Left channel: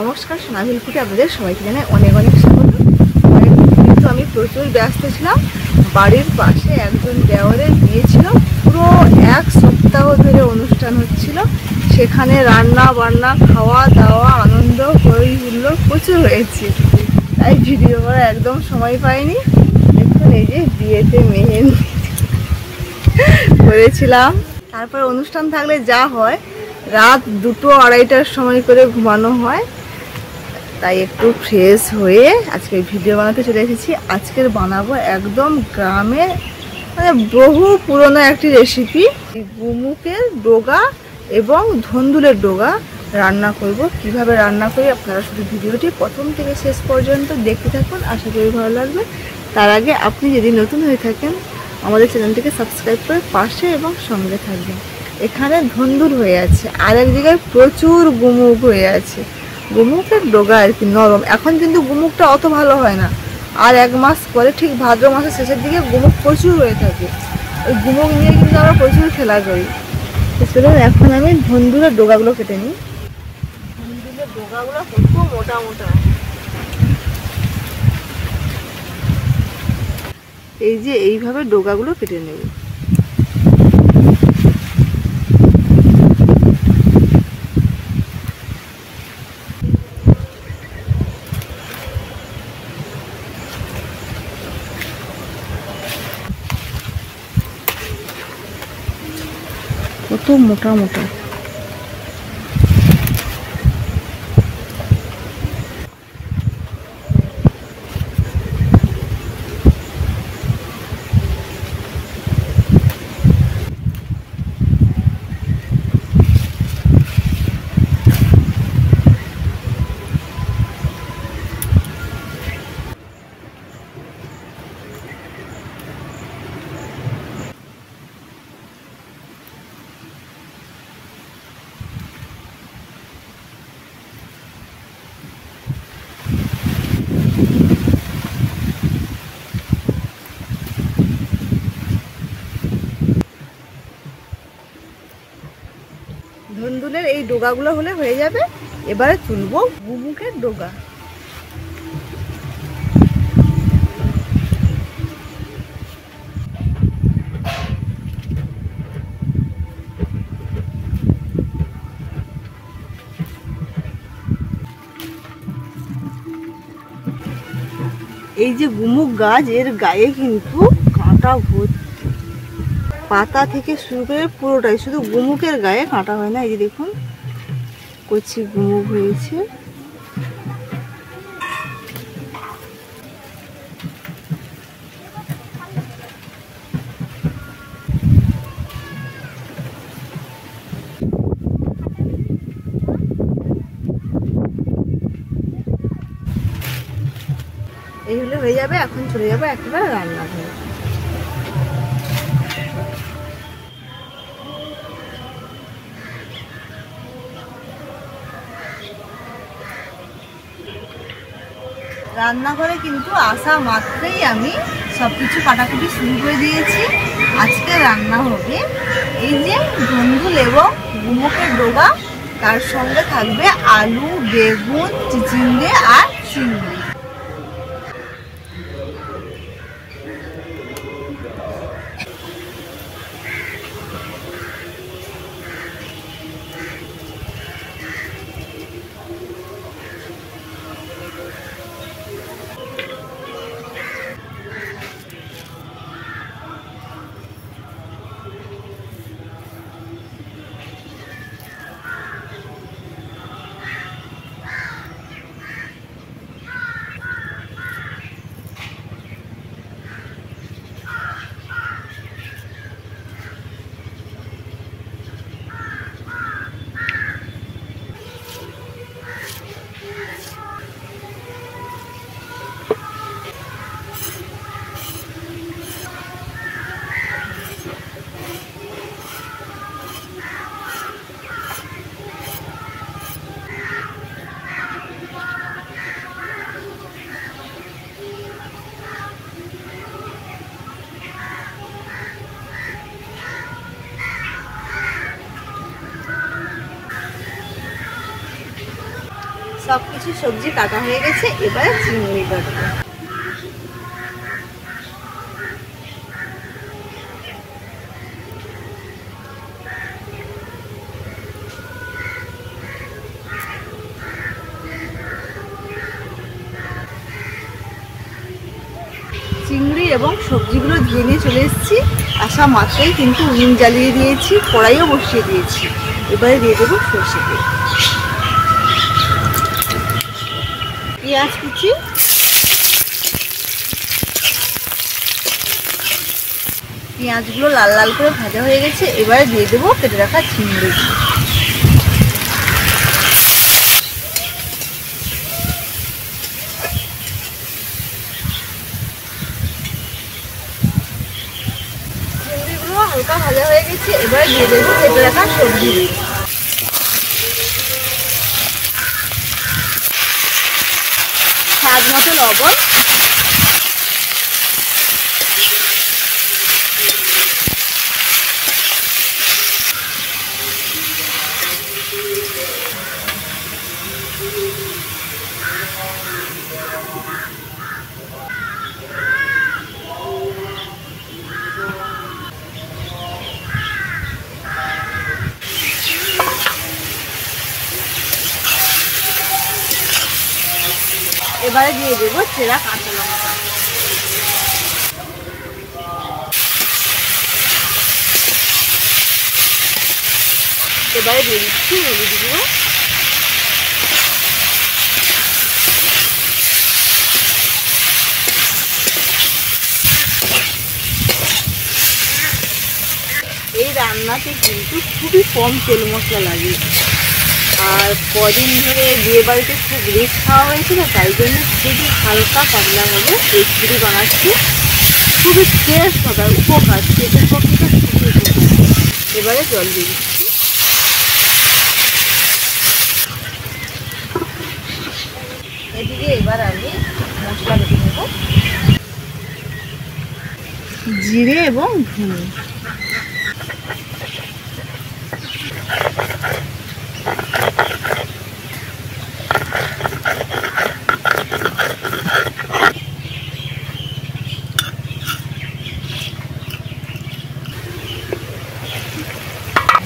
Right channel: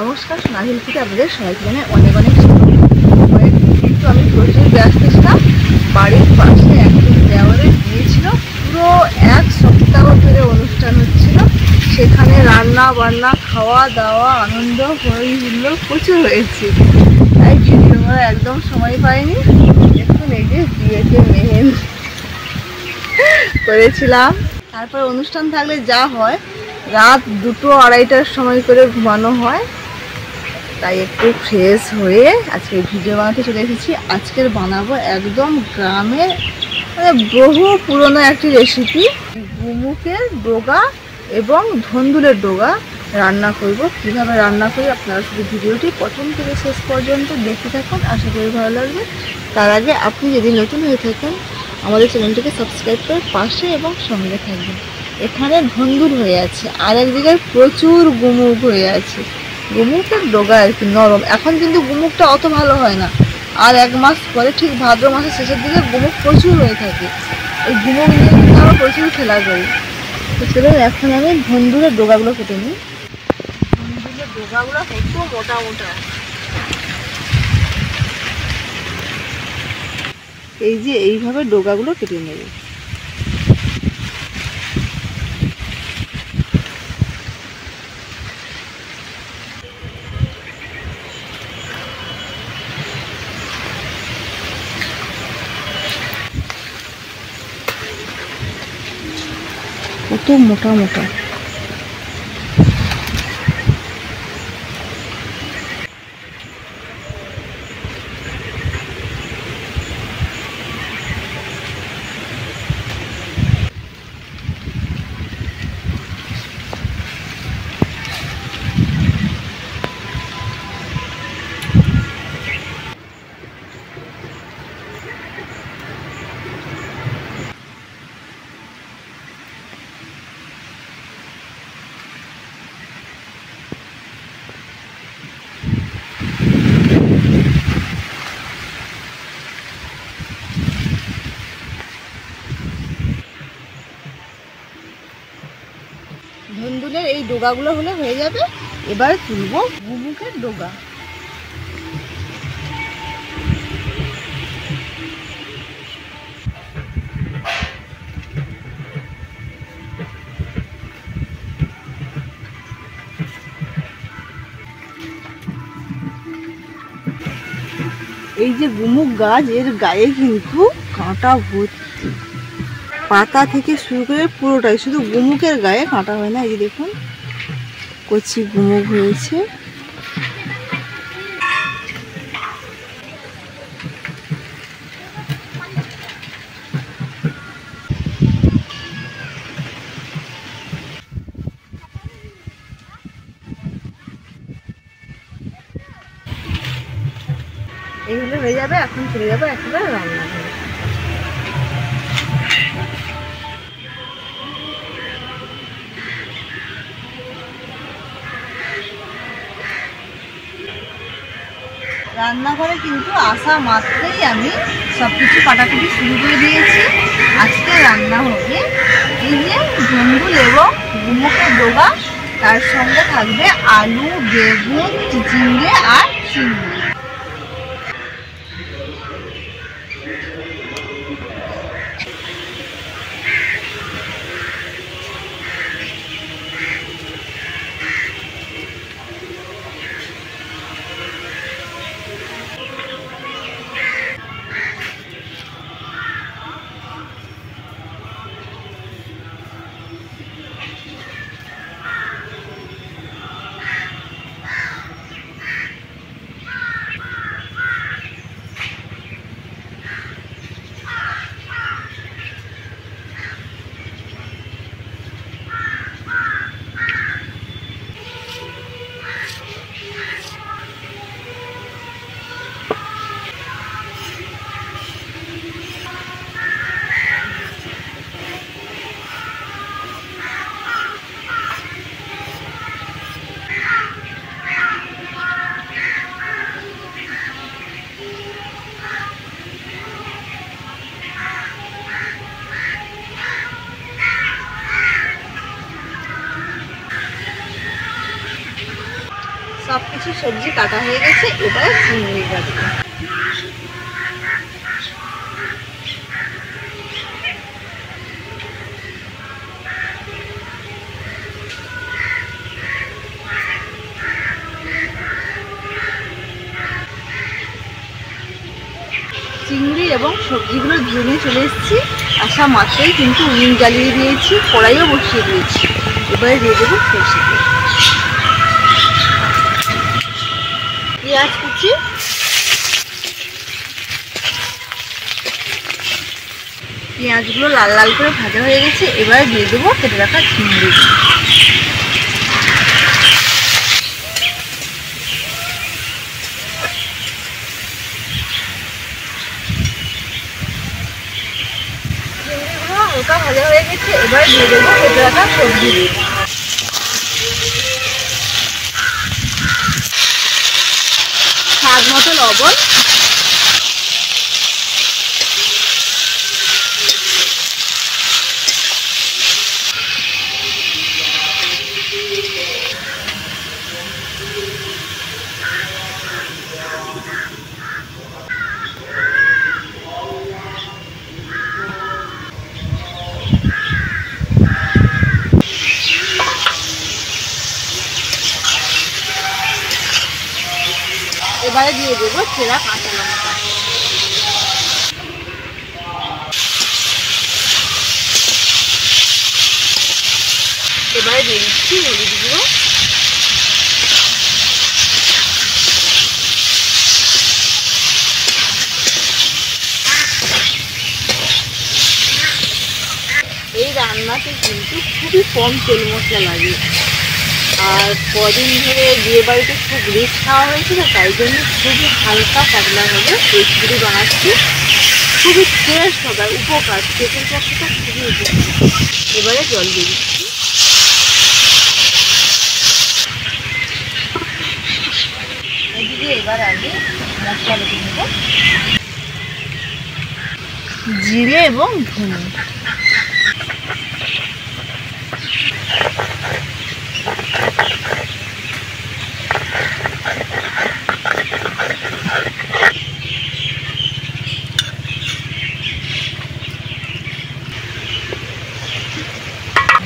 নমস্কার, সোনাঝুরি থেকে আপনাদের সবাইকে জানাই অনেক অনেক স্বাগত। কিন্তু আমি প্রচুর ব্যস্ত ছিলাম। বাড়ির পাশে একজন দেওয়ারের বিয়ে ছিল, পুরো এক সপ্তাহ ধরে অনুষ্ঠান হচ্ছিল। সেখানে রান্না বান্না, খাওয়া দাওয়া, আনন্দ, হই হুল্লো প্রচুর হয়েছে। তাই ভিডিও করার একদম সময় পাইনি। দেখুন এই যে বিয়েতে মেহেন্দি করেছিলাম। তারপরে অনুষ্ঠান থাকলে যা হয়, রাত 2-2-2:30টার সময় করে ঘুমানো হয়। তাই একটু ফ্রেশ হয়ে আজকে ভিডিও বানাতে চলে এসেছি। আজকের বানাবো একদম গ্রামের বহু পুরনো একটি রেসিপি, গুমুকের ডোগা এবং ধন্দুলের ডোগা রান্না করব। কিভাবে রান্না করি আপনারা শুধু ভিডিওটি প্রথম থেকে শেষ পর্যন্ত দেখতে থাকুন, আশা করি ভালো লাগবে। তার আগে আপনি যদি নতুন হয়ে থাকেন আমাদের চ্যানেলটিকে সাবস্ক্রাইব করে পাশে এবং সঙ্গে থাকবেন। এখানে ধন্দুল হয়ে আছে, আর এক জায়গায় প্রচুর গুমুক হয়ে আছে। গুমুকের ডোগা আর কি নরম। এখন কিন্তু গুমুকটা অত ভালো হয় না, আর 1 মাস পরে ঠিক ভাদ্র মাসের শেষের দিকে গুমুক প্রচুর হয়ে থাকে। ওই গুমুক নিয়ে কিন্তু আমরা প্রচুর খেলা করি। তো চলুন এখন আমি ধন্দুলের ডোগাগুলো কেটে নিই। ধন্দুলের ডোগাগুলো কত মোটা মোটা। এই যে এইভাবে ডোগাগুলো কেটে নেব। কত মোটা মোটা। ধন্দুলের এই ডোগাগুলো হলে হয়ে যাবে। এবারে তুলবো গুমুকের ডোগা। এই যে গুমুক গাছ, এর গায়ে কিন্তু কাঁটা ভর্তি। পাতা থেকে শুরু করে পুরোটাই, শুধু গুমুকের গায়ে কাঁটা হয় না। এই যে দেখুন কচি গুমুক হয়েছে। এইগুলো হয়ে যাবে। এখন চলে যাবো একেবারে রান্নাঘরে। রান্নাঘরে কিন্তু আসা মাত্রই আমি সব কিছু কাটাকুটি শুরু করে দিয়েছি। আজকে রান্না হবে এই যে ধন্দুল এবং গুমুকের ডোগা, তার সঙ্গে থাকবে আলু, বেগুন, চিচিঙ্গে আর চিংড়ি। সব কিছু সবজি কাটা হয়ে গেছে, এবারে চিংড়ি কাটবো। চিংড়ি এবং সবজিগুলো ধুয়ে নিয়ে চলে এসেছি। আসা মাত্রই কিন্তু উনুন জ্বালিয়ে দিয়েছি, কড়াইও বসিয়ে দিয়েছি। এবারে দিয়ে দেবো সরষে তেল, পেঁয়াজ কুচি, পেঁয়াজগুলো লাল লাল করে ভাজা হয়ে গেছে। এবারে দিয়ে দেবো কেটে রাখা চিংড়ি। চিংড়িগুলো হালকা ভাজা হয়ে গেছে। এবারে দিয়ে দেবো কেটে রাখা সবজি, স্বাদ মতো লবণ, এবারে দিয়ে দেবো চেরা কাঁচা লঙ্কা, এবারে দিয়ে দিচ্ছি হলুদ গুঁড়ো, এই রান্নাতে কিন্তু খুবই কম তেল মশলা লাগে। আর কদিন ধরে বিয়ে বাড়িতে খুব রিস্ক খাওয়া হয়েছিল, তাই জন্য খুবই হালকা পাতলাভাবে রেসিপি বানাচ্ছি। খুবই টেস্ট হবে, উপকার, পেটের পক্ষে তো খুবই উপকার। এবারে জল দিয়ে দিচ্ছি। এদিকে এবার আগে মশলা বেটে নেব, জিরে এবং ধনে,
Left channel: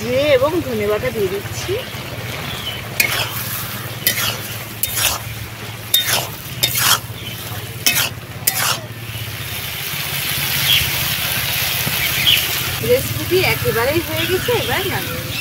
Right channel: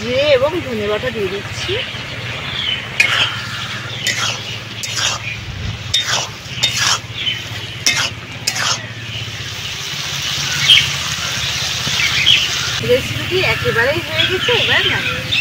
জিরে এবং ধনে বাটা দিয়ে দিচ্ছি। রেসিপিটি একেবারেই হয়ে গেছে, এবার নামিয়ে নেব।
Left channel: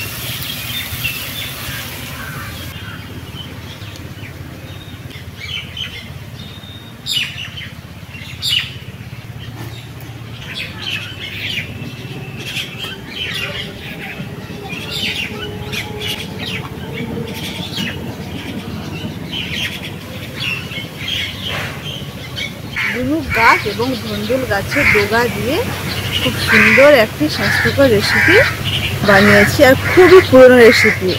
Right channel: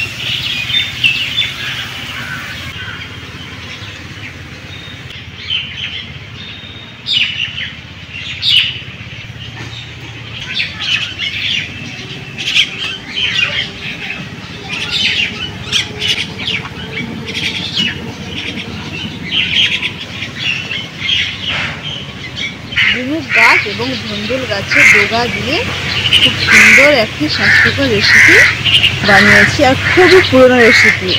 ঝিনুক গাছ এবং ধুন্দুল গাছের ডগা দিয়ে খুব সুন্দর একটি স্বাস্থ্যকর রেসিপি বানিয়েছি, আর খুবই পুরনো রেসিপি।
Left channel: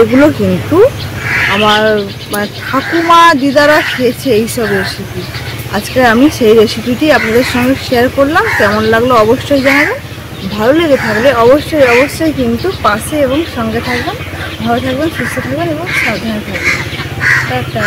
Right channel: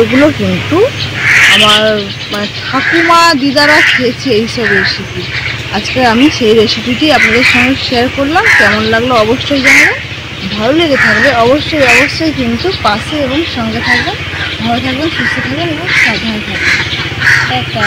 এগুলো কিন্তু আমার ঠাকুমা দিদারা খেয়েছে এইসব রেসিপি। আজকে আমি সেই রেসিপিটি আপনাদের সঙ্গে শেয়ার করলাম। কেমন লাগলো অবশ্যই জানাবেন। ভালো লেগে থাকলে অবশ্যই কিন্তু পাশে এবং সঙ্গে থাকবেন। ভালো থাকবেন, সুস্থ থাকবেন এবং সাবধানে থাকবেন। টাটা।